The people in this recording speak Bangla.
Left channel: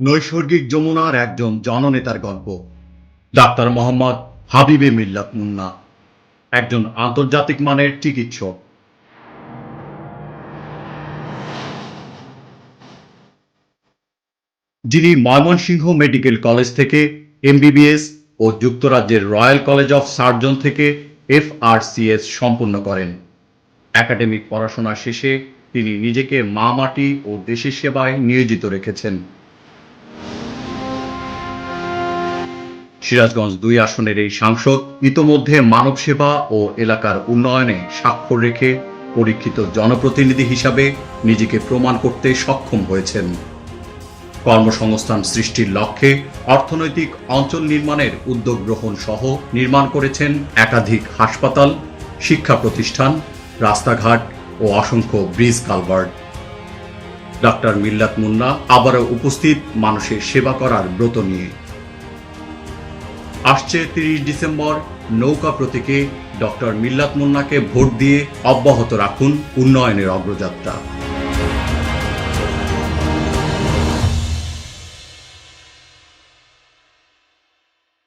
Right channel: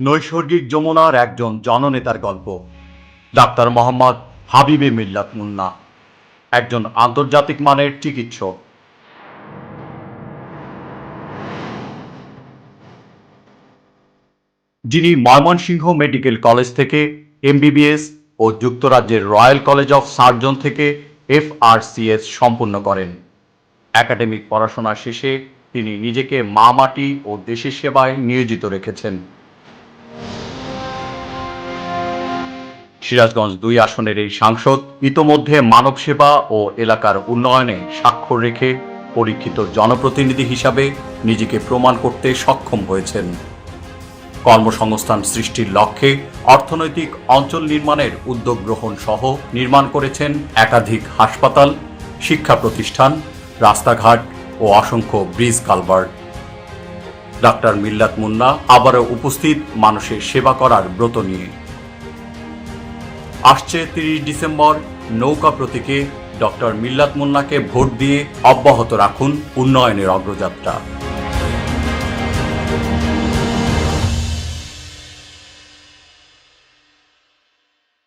নৈসর্গিক যমুনার একজন জননেতার গল্প। ডাক্তার মোহাম্মদ হাবিবে মিল্লাত মুন্না, একজন আন্তর্জাতিক মানের চিকিৎসক। যিনি ময়মনসিংহ মেডিকেল কলেজ থেকে এমবিবিএস ও যুক্তরাজ্যের রয়্যাল কলেজ অফ সার্জন থেকে এফআরসিএস সম্পূর্ণ করেন। একাডেমিক পড়াশোনা শেষে তিনি নিজেকে মা মাটি ও দেশের সেবায় নিয়োজিত রেখেছেন। সিরাজগঞ্জ দুই আসনের এই সাংসদ ইতোমধ্যে মানব সেবা ও এলাকার উন্নয়নে স্বাক্ষর রেখে পরীক্ষিত জনপ্রতিনিধি হিসাবে নিজেকে প্রমাণ করতে সক্ষম হয়েছেন। কর্মসংস্থান সৃষ্টির লক্ষ্যে অর্থনৈতিক অঞ্চল নির্মাণের উদ্যোগ গ্রহণ সহ নির্মাণ করেছেন একাধিক হাসপাতাল, শিক্ষা প্রতিষ্ঠান, রাস্তাঘাট ও অসংখ্য ব্রিজ কালভার্ট। ডাক্তার মিল্লাত মুন্না আবারও উপস্থিত মানুষের সেবা করার ব্রত নিয়ে। আসছে তিরিশ ডিসেম্বর নৌকা প্রতীকে ডক্টর মিল্লাত মুন্নাকে ভোট দিয়ে অব্যাহত রাখুন উন্নয়নের অগ্রযাত্রা।